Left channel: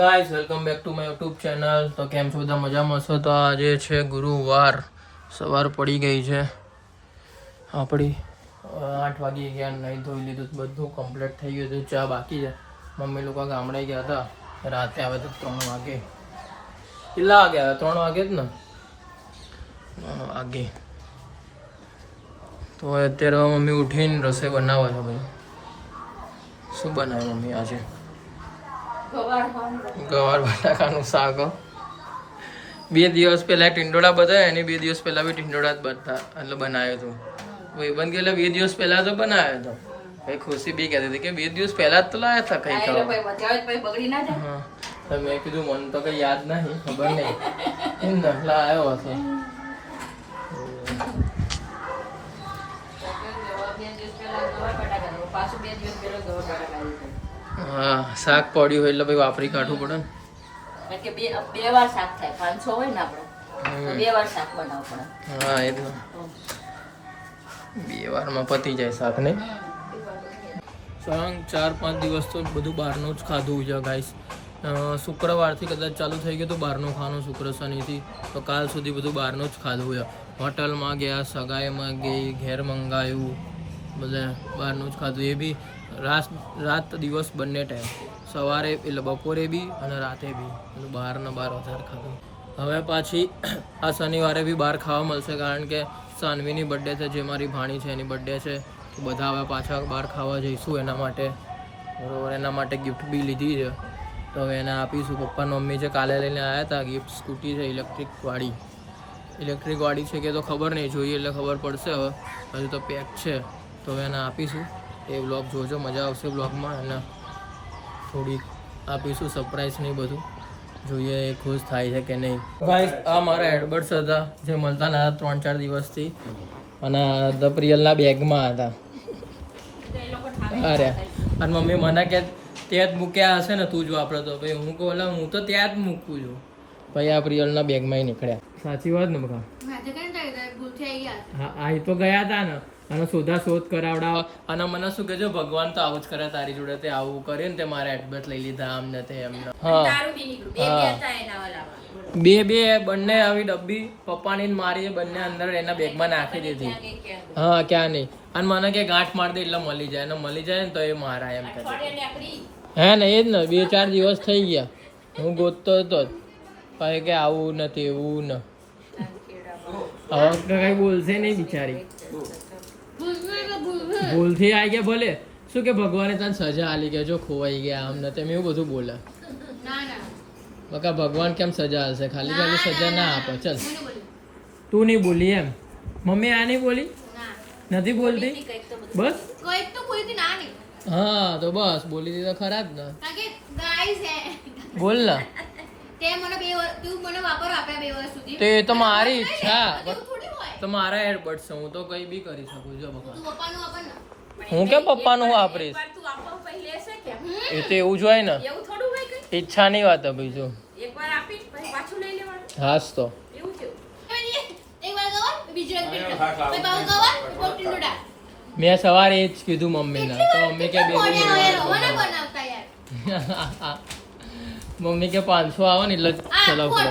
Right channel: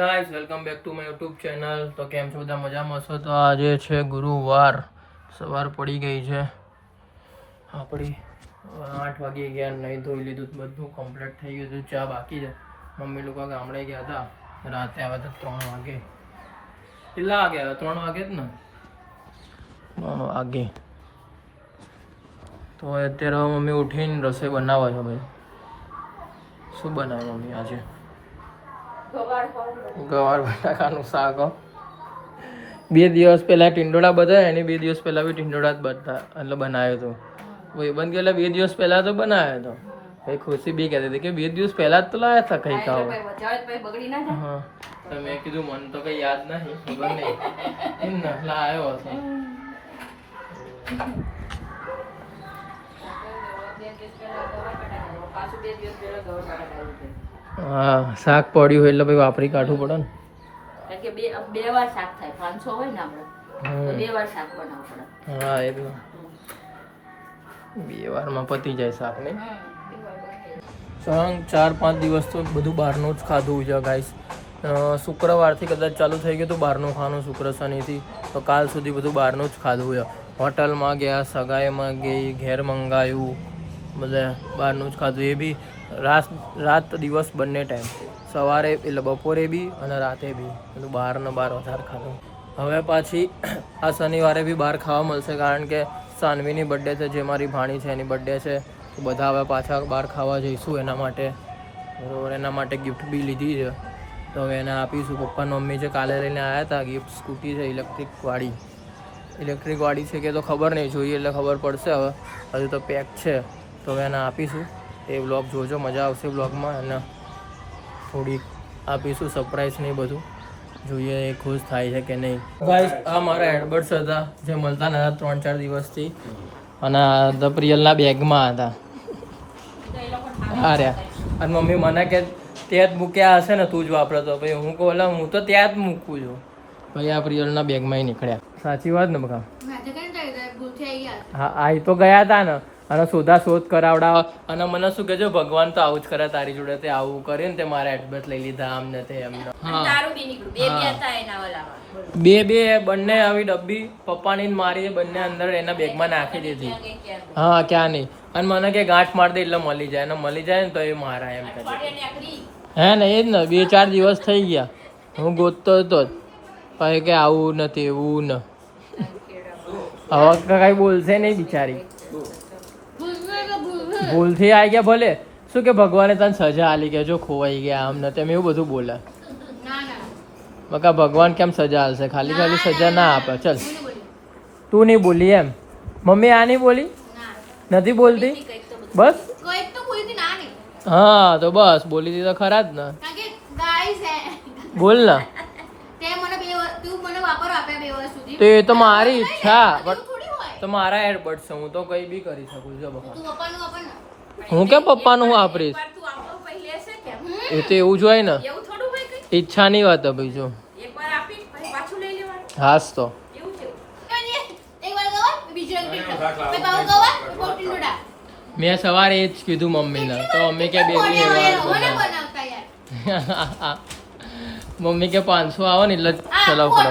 Guys welcome back to my YouTube channel. તો કેમ છો બધા? મજામાં છો? તો આજે છે ગુરુવાર, સવાર પડી ગઈ છે આપણી 8 વાગી ગયા. નહીં ધોઈ લીધું, બધું કમ્પ્લીટ થઈ ગયું હતું. ચા બાકી છે. મમ્મી લોકો ગામડે ગયા હતા, રાતે આવ્યા હતા 3 વાગે. કેટલા વાગે આવ્યા? 3 વાગે જ ને, 3 વાગે. તો અત્યારે મમ્મી ઉઠીને રસોઈ બનાવે છે. ભાઈ શું બનાવ્યું મમ્મી આજે? ગવાર બટાકાનું શાક. 2 દિવસ પહેલા ટીંડોળા બધા, એની 2 દિવસ પહેલા બી ટીંડોળા જ બધા એટલે બનાવ્યો હતો. ભાઈબંધ એટલે 2 દિવસ પહેલા તો બનાવ્યો હતો. ભાઈ ખુશી બી કહેતી હતી કે 2 દિવસ પહેલા જ તો લાયા હતા કઈ ખાવા. હા તો મેં કીધું મને તો કઈ યાદ નહીં, ખબર નહીં એટલે આવ્યો હશે. હા શાક પડ્યું હોય એટલે ભાઈ વાપરી કાઢવું પડે ને. બે વાર શાક થાય, 500 હોય ને આપણે 2 વાર શાક બનાવવું પડે. હા એ જ ને, 2 વારમાં પતી જાય શાક ને. 4-5 દિવસ તો બધું બહારનું જ ખાધું છે ગાઈસ. શુક્રવારથી કદાચ ચાલુ થઈ ગયું હતું બહારનું ખાવાનું, શુક્ર શનિથી. તો કાલ સુધી બધું બહારનું જ ખાધું છે. હોટલમાં ગયા, સગાઈમાં ગઈ, ઘેર મંગાવ્યું, બધા બહારનું જ ખાધું. એ બી રાત દિવસ બંને ટાઈમ, સવારે એટલે બપોરે બી અને રાતે બી બધું બહાર વધારે ખાધું. હવે પાછી આ શનિવારે બી બહાર ખાવા મળશે, કારણ કે સાનવીની બર્થડે છે, જે મારી ભાણી છે એની બર્થડે છે. તો બધા હવે પાછા બહાર ખાવા જઈશું એના માટે, બરાબર. એના માટે ગિફ્ટ બી લીધી છે, તો હવે એને આપીશું. પપ્પા મમ્મી છે કાલે લઈને આવ્યા હતા ગિફ્ટ. સ્કૂટી છે ઇલેક્ટ્રિક વાળી છે કે તો ખબર નહીં, જોઈએ એટલે ખબર પડશે. હવે હજુ તો પેક છે, તો હવે એને આપીશું. એ વ્લોગ જોજો, મજા આવશે વ્લોગમાં. અને થોડીક આપીશું સરપ્રાઈઝ નહીં, બધું જોઈએ એ ખુશ થાય છે કે નહીં. ગાઈસ આ મારા એડબર્ડ્સ હતા જે મળતા ના 3-4 દિવસથી, અને ધ પ્રિયલના બેગમાં હતા. અરે અને મમ્મી મને કે ત્યાં જ મૂક્યા હશે ને, તું જ વાપરતો. ભાઈ હું કહું એટલે હું તો ત્યાં જ મૂકું છું. ભાઈ આ પ્રિયલના બેગમાં નીકળ્યા. સાચી વાત ને બકા? હા આ તો ગયા હતા ને, અને શોધ કરાવડાવ. અને મને શું કે, જો ભગવાન તો આવું જ કરે તારી જોડે, તે આવું કરે ને તે મારા એડબર્ટ લઈ લીધા આમ ને તે એમને. બે બંને આવી ડબ્બી પપ્પાની મારી બંને અંદર એના બેગમાં નાખી દીધી. હા ક્યાં નહીં. અને મને કે ગાંઠ માર દે એટલે મળી જાય, અને મળી જાય ને તો એ મારા એમ કહે. હે ને એ જ ને, 2-4 દિવસ થઈ ગયા હું ગોતતો હતો જ. પછી કે આવું નથી એવું ને. હવે કઈ બોલશે નહીં બિચારી, ભૂલથી આવી ગયા. ભલે શું કે ભગવાને તને સજા આલી કે જો ખોવાઈ ગયા આમ ને તેમ એવું બધું બોલે. બકા ભગવાન કેમ સજા આલશે? ખાલી સજા ના આપે. ચલ તું નહીં બોલી એમ? મમ્મી આ નહીં બોલી, નથી બોલતી બસ. હા તો બસ બોલી દીધા ખરા જ ને. બોલ ને. તો એ તો મારી ઈચ્છા, તો મારા એડબર્ડ છે, હું તો કઈ બી કરી શકું છું. બકા હું કેમ પપ્પાનું હું વાપરીશ? એ તો એવું જ હોય ને, ઈચ્છાની વાત ભાઈ. જો હાસ તો મેં સવારે એ જ કીધું મમ્મીને, તો મમ્મી કે મમ્મી કે 500 આવે ને એટલે ચલાવ કરો.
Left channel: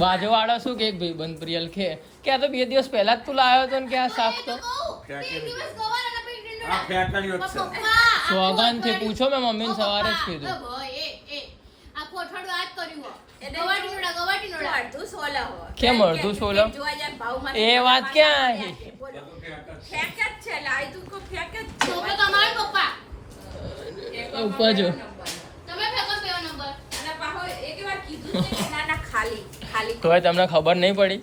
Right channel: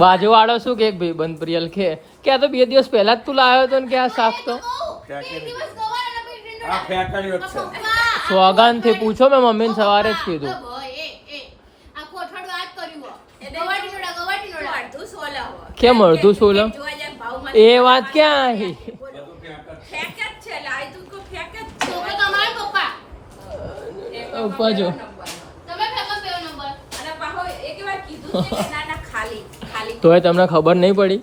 બાજુ વાળો શું કે ભાઈ બંધ પ્રિયલ કે આ તો 2 દિવસ પહેલા જ તું લાવ્યો હતો ને કે આ શાક તો સોગાન થી પૂછો. મેં મમ્મીને સવારે જ કીધું. કેમ અડધું 16? એ વાત ક્યાં આવી? ઉપજો તોય તમને ખબર નહીં પડી?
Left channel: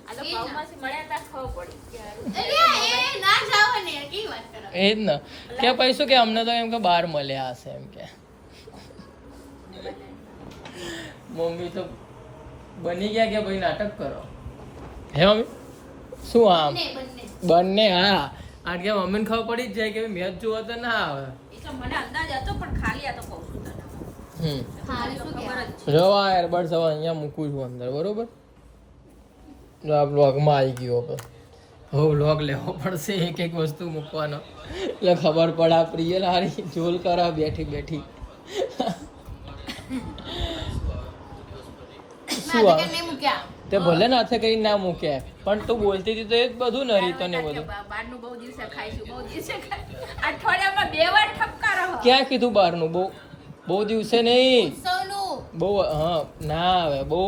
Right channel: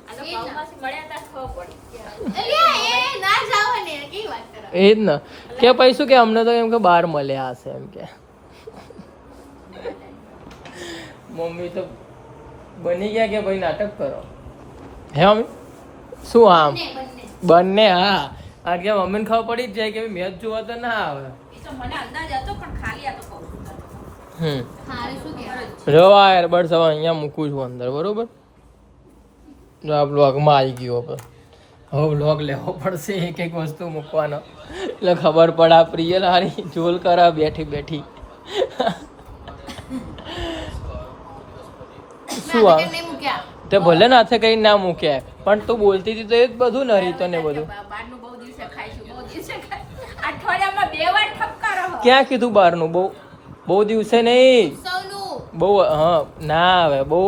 એ જ ને કે પૈસું કે અમને તો એમ કે બહાર મળ્યા હશે એમ કે. મમ્મી તો બની ગયા કે ભાઈ નાટક કરો. હે મમ્મી શું? આમ બંને? હા કારણ કે મમ્મીને ખબર પડી જ જાય કે મેચ જોવા તો ના આવે. રવા એરબડ્સ હવે અહીંયા મૂકું છું અંદર, બરોબર? બ્લોગમાં આવી ગયો. હવે વ્લોગ લેવો પડશે એક એક વસ્તુ મૂકવાનો એટલે ખબર પડે આ પ્રિયલ હારી જોલ કરા બેઠી બેઠી શું આ નહીં મૂક્યા તે ભલે નાથે કઈ ના મૂક્યા પણ તું બોલતી હતી તો એ જ બધું ને રીતો ને બધું બહારનું બહુ દિવસે ખાઈશું બહુ દિવસે અઠવાડિયામાં 2 વાર ઠપકારો ક્યાં કીધું બહારનું બહુ દિવસે નહીં સૌનું બહુ હા ના આવે બહુ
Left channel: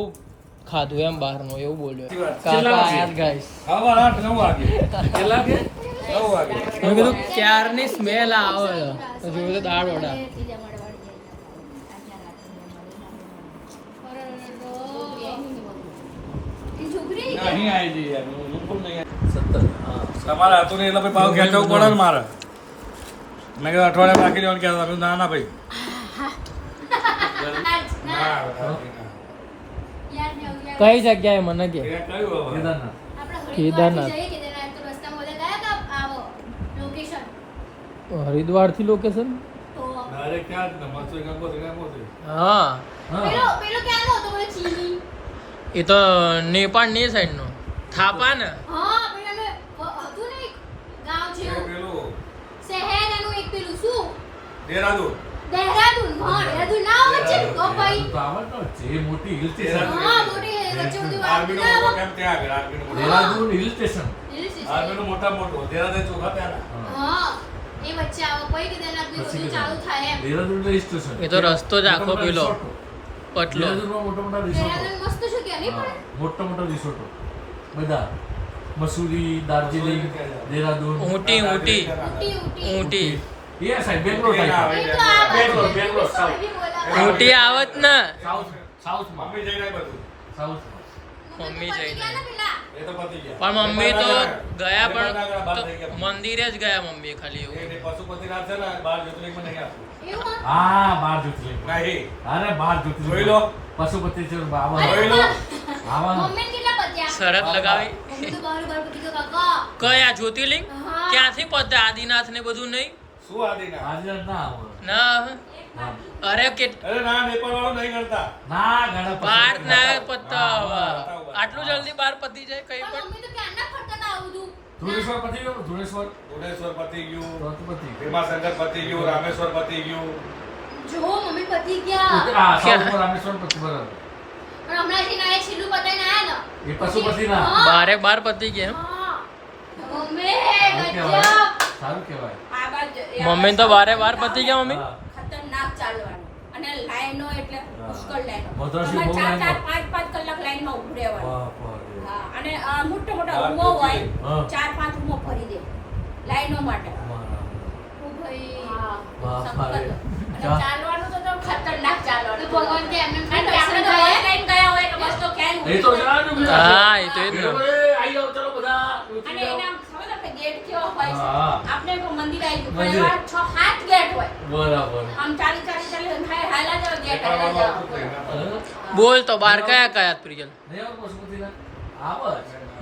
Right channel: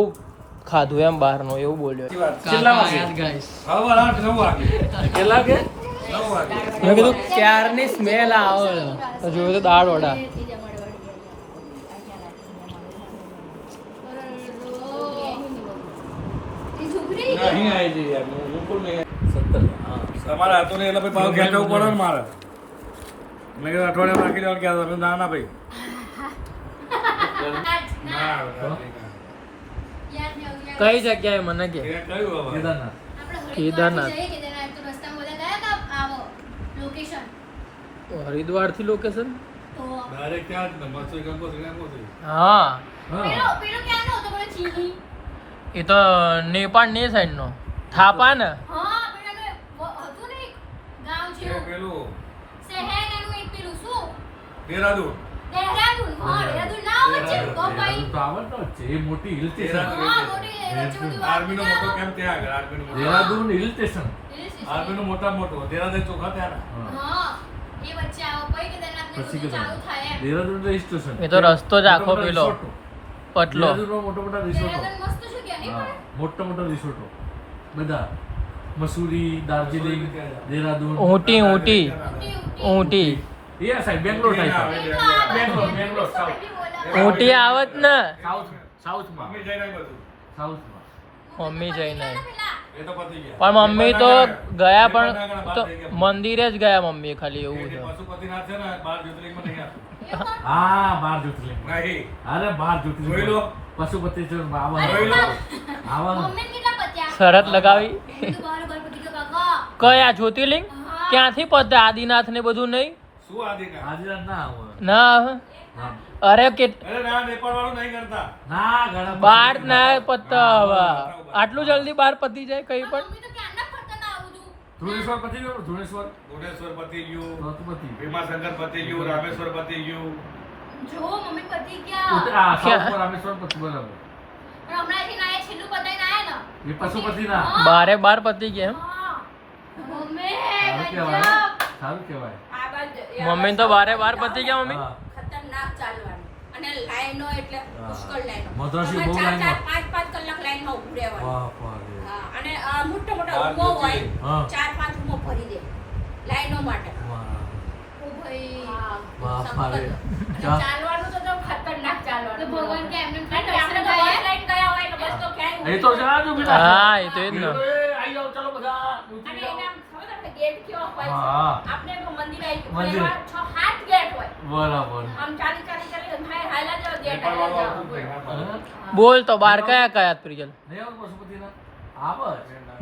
ખાધું એમ બહારનું એવું બોલ્યો ગાઈસ મેં કીધું ક્યારની સ્મેલ આવે તો જોયું તો દાળ વડા તમારા હાથો ને એટલે ભાઈ પાવ ખેંચવું પડે ને મારે મેં કીધું અઠવાડિયા બાકી લેવાનું ક્યાં તમે ના ના ભાઈ કઈ જગ્યાએ મને કે કેદારનાથ હરિદ્વાર થી લોકેશન ડાયરેક્ટ ક્યાં જ ને મસ્ત ગંગોત્રી હા એ તો નેપાળ ની સાઈડ નો થાપા ને પેલું દેહરાદૂન આર્મી નો મોટો કેમ ત્યાં આગળ આર્મી નું મોટા મોટું દેહરાદૂન ચોખા ત્યાં એ તો રસ્તો જ આખો પેલો પટલો મોટા મોટા રિસોર્ટો બધા મસૂરી દાર્જિલિંગ દેહરાદૂન ઊંટી એ side Bangalore side Bangalore south Ooty આવત ને સાઉથમાં મમ્મી જઈને આવી બધું સાઉથમાં મમ્મી જઈને એ તો પતી ગયા પણ મમ્મી તો ગયા પણ તો મંદિરે જ ગયા મમ્મી ખાલી એવું એ બધું પશુપતિનાથ છે ને 12 જ્યોતિર્લિંગમાં નહીં આવતું હા 12 જ્યોતિર્લિંગ નહીં અરે 12 જ્યોતિર્લિંગ જોઈ લો. પશુપતિ છે જોઈ લો. આવવાનું શરત લગાવી કયા જ્યોતિર્લિંગ ક્યાંથી પતે આદિનાથ ને બધું નહીં શું આદિના આજના ના આવે ના આવે હા. અરે કે અરે ના નેપાળ વાળું નહીં કરતા ના ઘણા બાર ના પત્તા હવે આટલું જલ્દી બાર પતી જાય કઈ પણ ધુણેશ્વર પતી ગયું ધુણેશ્વર ભુવનેશ્વર પતી ગયું તો તો પતી ગયું. ભીમાશંકર પતી ગયું રામેશ્વર પતી ગયું આ સાઉથમાં રામેશ્વર પતી બરાબર એ પશુપતિ ના બારે બાર પતી ગયા સારું કહેવાય મમ્મી તો બારે બાર પતી ગયા મમ્મી હા. ખતરનાક ચાલવાનું અને લાઈનો એટલે પુષ્કળ લાઈનો મદ્રાસી બહુ તમારે ચાર લાઈનો. 5 કલાક લાઈનમાં ઊભું રહેવાનું બાપરે. હા અને મોટા મોટા બાર રૂમો હોય હા. 4-5 રૂમો ભરી દે લાઈનો માટે મારા. ઓ ભાઈ બાપ સખત. રે. અને ચાલવાનું તો ખતરનાક ચાલવાનું ભગવાન કે એમને આપણે તો બસ લાઈન ગયા હોય કે બસ તો ક્યાંય એ તો જણાવજો બીજું. હા, એ તો એ જ ને. એ આઈ જાઓ ચાલો બધા અને ઉતરી જાઓ. એના ખબર આપણે ગેટ કેવો હોય છે હા. આપણે મંદિર આવી ગયું મંદિર. પણ એમાં 6-7 ગેટ હોય બરાબર આમ ચાલી હાલા જાવ ગેટ નેપાળ હાલા વાળું આવતું જ જાવ નહીં. હે? બોલ તો બાર કયા કયા પ્રિયલ નહીં આવતું પશુપતિના? આવે જ.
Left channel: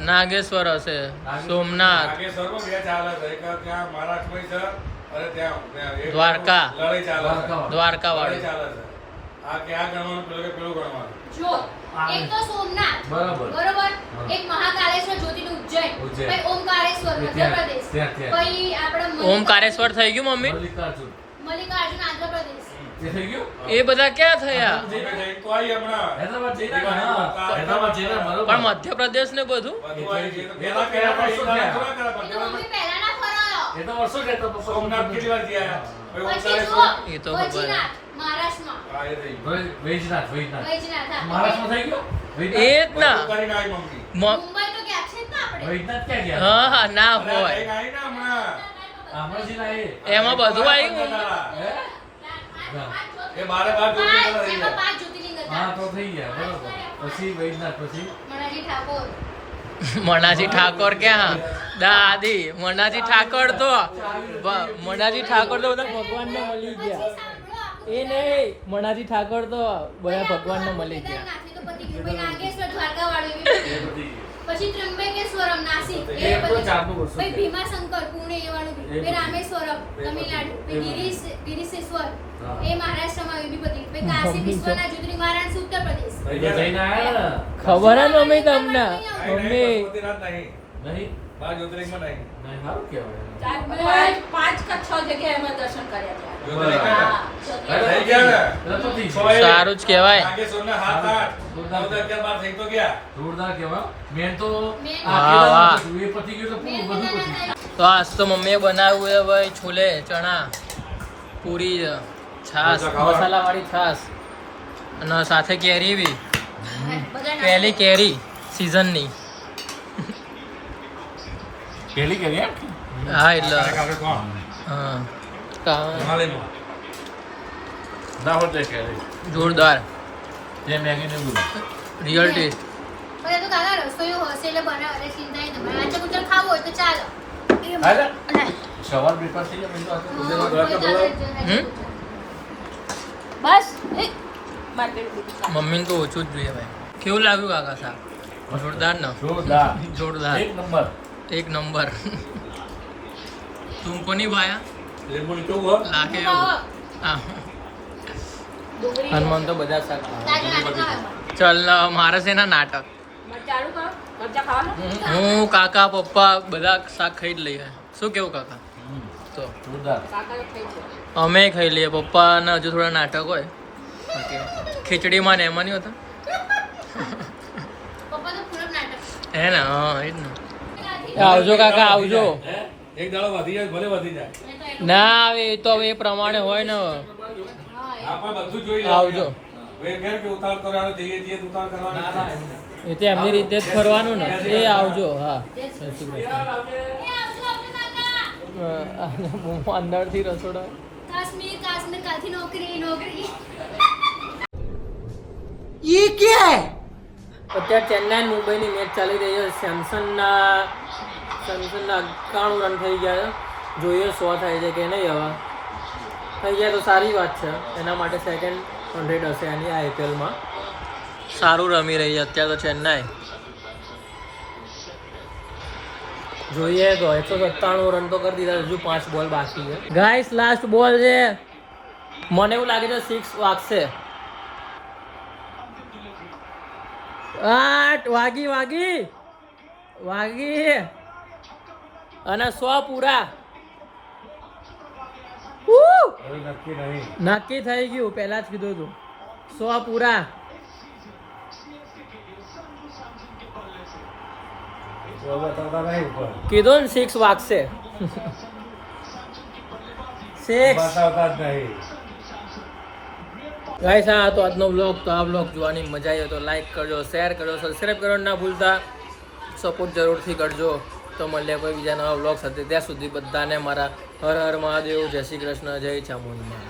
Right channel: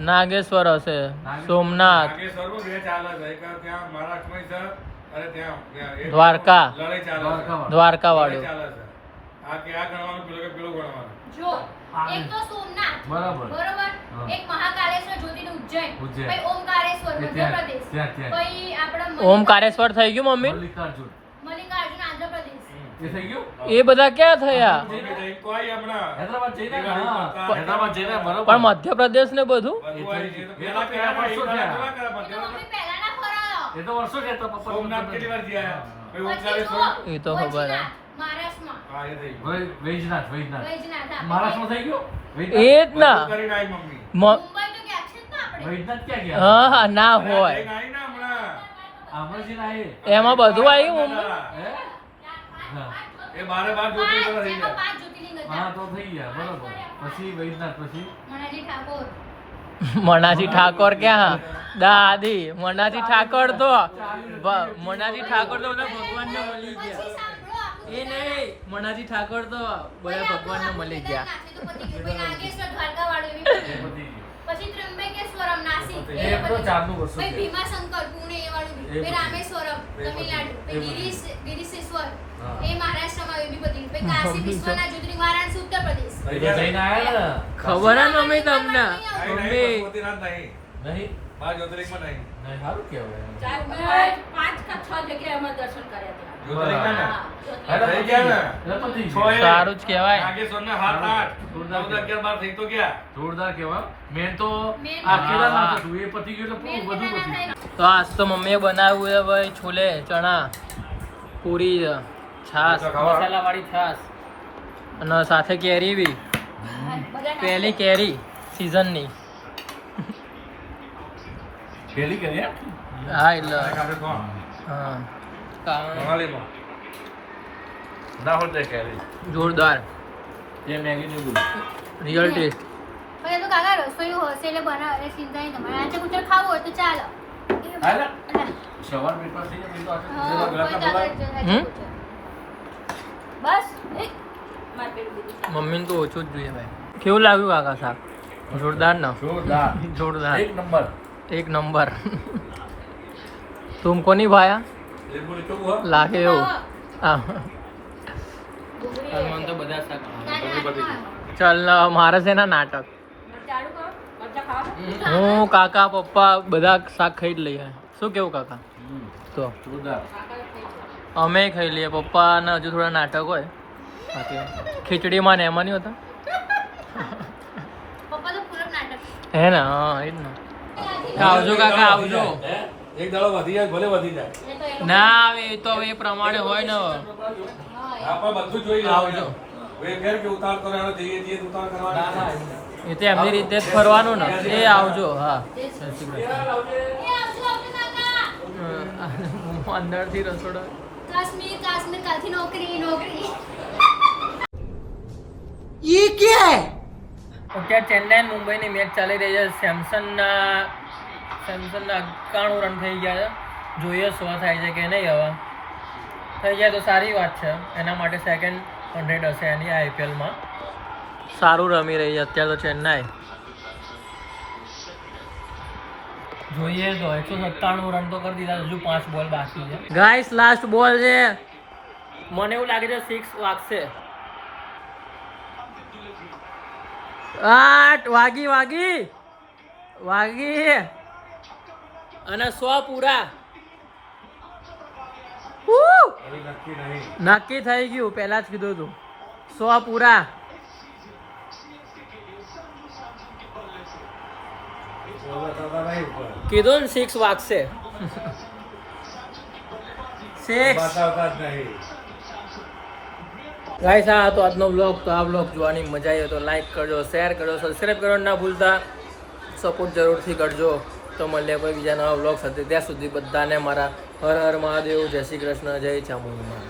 નાગેશ્વર હશે સોમનાથ નાગેશ્વરમાં બે ચાલે છે એક ત્યાં મહારાષ્ટ્રમાં છે અને ત્યાં એક દ્વારકા. લડાઈ ચાલે છે. દ્વારકા વાળું લડાઈ ચાલે છે આ કે આ ગણવાનું પેલું કે પેલું ગણવાનું જો એક તો સોમનાથ બરાબર. બરોબર હા. એક મહાકાલેશ્વર જ્યોતિર્લિંગ ઉજ્જૈન ઉજ્જૈન. પછી ઓમકારેશ્વર એ ત્યાં, મધ્યપ્રદેશ ત્યાં, ત્યાં. પછી આપણા ઓમકારેશ્વર થઈ ગયું મમ્મી મલ્લિકાર્જુન. મલ્લિકાર્જુન આંધ્રપ્રદેશ એ થઈ ગયું? એ બધા ક્યાં થયા અમે જઈ તો આવી હમણાં હૈદરાબાદ જઈને દિવાળી આવ્યા. માતા. હૈદરાબાદ જઈને બરોબર. પણ મધ્યપ્રદેશ ને બધું બધું આવી ગયું. તો પહેલા કર્યા પછી વર્ષો પહેલા થયા. થોડા કર્યા, એ તો પણ મમ્મી પહેલા ના ફરાયો એ તો વર્ષો જતો હતો. સોમનાથ કેટલી વાર ગયા પછી પછી ઓમકારેશ્વર. એ તો ખબર હે. મહારાષ્ટ્રમાં હા એ થઈ ગયું. વૈજનાથ વૈજનાથ વૈજનાથ હા. મહારાષ્ટ્રમાં થઈ ગયો એ વૈજનાથ? જ ના બધું કરીને આવી મમ્મી મુંબઈ તો ગયા છે ને આપણે વૈજનાથ ક્યાં ગયા? હા હા ના અરે આ હોય જઈને આવી ને હમણાં હમણાં જઈને આવીએ. એમાં બધું આવ્યું દાદા. હે? હા. એ બારે બાર જ્યોતિર્લિંગ થઈ એમાં ગયા 5 જ્યોતિર્લિંગ હા હતા તો થઈ ગયા બરોબર. પછી વૈજનાથ પછી મોનાજી ઠાકોર મનાજી ઠાકોર ક્યાં દાદી મનાજી ઠાકોર તો મનાજી ઠાકોર તો બધા ભગવાનને મળી ગયા સાંભળો એ નહીં મનાજી ઠાકોર તો બધા ભગવાનને મળી ગયા નાગેશ્વર દ્વારકા વાળું એ બધી ગઈ. પછી ત્રંબકેશ્વરમ નાસિક એ તો ચારનું વર્ષો પછી થયા. ભીમાશંકર પુણે એ વાળું એ પછી બધું. રામેશ્વરમ તમિલનાડુ એ પછી બધું. ગિરીશેશ્વર હા. એ મહારાષ્ટ્રમાં એ બી બધી પછી કાશી મમ્મી તો- વિશ્વનાથ જ્યોતિર્લિંગ વારાણસી ઉત્તર પ્રદેશ એ તો જઈને આયા ને? ખબર હે મમ્મી તમને નહીં, નહીં, મમ્મી પશુપતિનાથ નહીં. નહીં? બાર જ્યોતિર્લિંગમાં નહીં. નહીં, સારું કહેવાય. 5 કે 6 જગ્યાએ અમે દર્શન કર્યા હતા. જ્યોતિર્લિંગ ને? અરે, થઈ ગયા ને? એટલે પતી છ ગયું. એ. સારું જ કહેવાય. નાગેશ્વરના 7, 8, 9, 10, 11, 12 થઈ તો ગયા. જોરદાર કહેવાય. મેન તો વાહ, વાહ. એ પતી ગયું તો બધું પતી ગયું. તો આજ તો મમ્મીએ બનાવ્યું છે ભાઈ છોલે ચણા પૂરી છે, છાસ મસાલાવાળી છાસ અને સાથે કેરી બી પહેલી કેરી સિઝનની. પેલી કે એમ? હા એટલે કાકા કોણ? હા હિમાલયનો. ના હોતે કે જોરદાર જે મેગી ને દૂધ. Real taste. પણ એ તો કાકા રસોઈ હશે એટલે બનાવે ચિંતા નહીં તમારે આંચે કુચર ખાવું હોય તો ચાલો હાલે? સવાર બ્રેકફાસ્ટ થઈ જાય પછી તો આટલું બધું ગળકા બોલાવો. બસ માર્કેટ બધું મમ્મીને તો ઓછું જ જોઈએ ભાઈ. કેવું લાગ્યું કાકા શાક? જોરદાર ને? જોરદાર. જોરદાર એક નંબર. એક નંબર. તુમકો નહીં ભાયા લીંબુ કેવું હો? લાગે એવું હા. અને મને તો બધા શાક ચાલ મારે છે ને નાટક. ચાલુ કરો મરચા ખાવાનું હું કાકા પપ્પા બધા શાક ખાઈ જ લઈએ. શું કેવું કાકા? તો જોરદાર. કાકા ખાઈ છે અમે ખાઈ લઈએ. પપ્પાને હજુ થોડા નાટક હોય બાકી ખીચડીમાં ને એમાં નહીં હોતા પપ્પા તો પૂરો નાટક હે ને? હા એ જ ને. આવજો કાકા આવજો. હે? એક દાડો વધી જાય ભલે વધી જાય. એ તો એ લોકો ના આવે એ તો હવે એ પ્રમાણે હોય ને. આપણે બધું જોઈ આવજો. લેવાનું. ફેર કે ઉતાર કરવાનો જઈએ જઈએ તો ઉતાર કરવાનો. ના, ના, એમ એ તો એમની રીતે જ ફરવાનું ને. એ આવજો હા. જય શ્રી કૃષ્ણ. એ આવજો કાકા અંદરથી રસોડો કાશ્મીર કાશ્મીર કાલથી નોકરી નોકરી અત્યારે ચેન્નાઈ અને મુંબઈની મેચ ચાલી રહી છે. સેમસનના 91 રન થઈ ગયા છે. જોઈએ 100 થાય છે કે નહીં. હવે થઈ જાય તો સારી વાત છે. એના માટે સેકન્ડ 100 હશે એની આઈપીએલમાં. સારું રમી રહી છે અત્યારે તો ચેન્નાઈ. જોઈએ તો 197 રન તો કરી દીધા. હજુ 5 બોલ બાકી છે. ગાઈસ લાસ્ટ બોલ છે. મને એવું લાગે છે 6 વાગશે. 8 વાગી અને 100 પૂરા. ઉહ! હવે નક્કી નહીં. નક્કી થઈ ગયું. પહેલા જ કીધું હતું 100 પૂરા. તો બતાવતા નહીં ઉપર. કીધું ને 6 વાગશે. 6 બતાવતા જ નહીં. ગાઈસ આ હતો આજનો બ્લોગ. તો આ બ્લોગ જોવાની મજા આવી તો લાઈક કરજો, શેર કરજો, સબસ્ક્રાઈબ કરવાનું ના ભૂલતા. સપોર્ટ જરૂરથી કરજો. તો મળીએ કોઈ બીજા નવા બ્લોગ સાથે. ત્યાં સુધી બધાને મારા હર હર મહાદેવ, જય શ્રી કૃષ્ણ, જય ચામુંડમાં.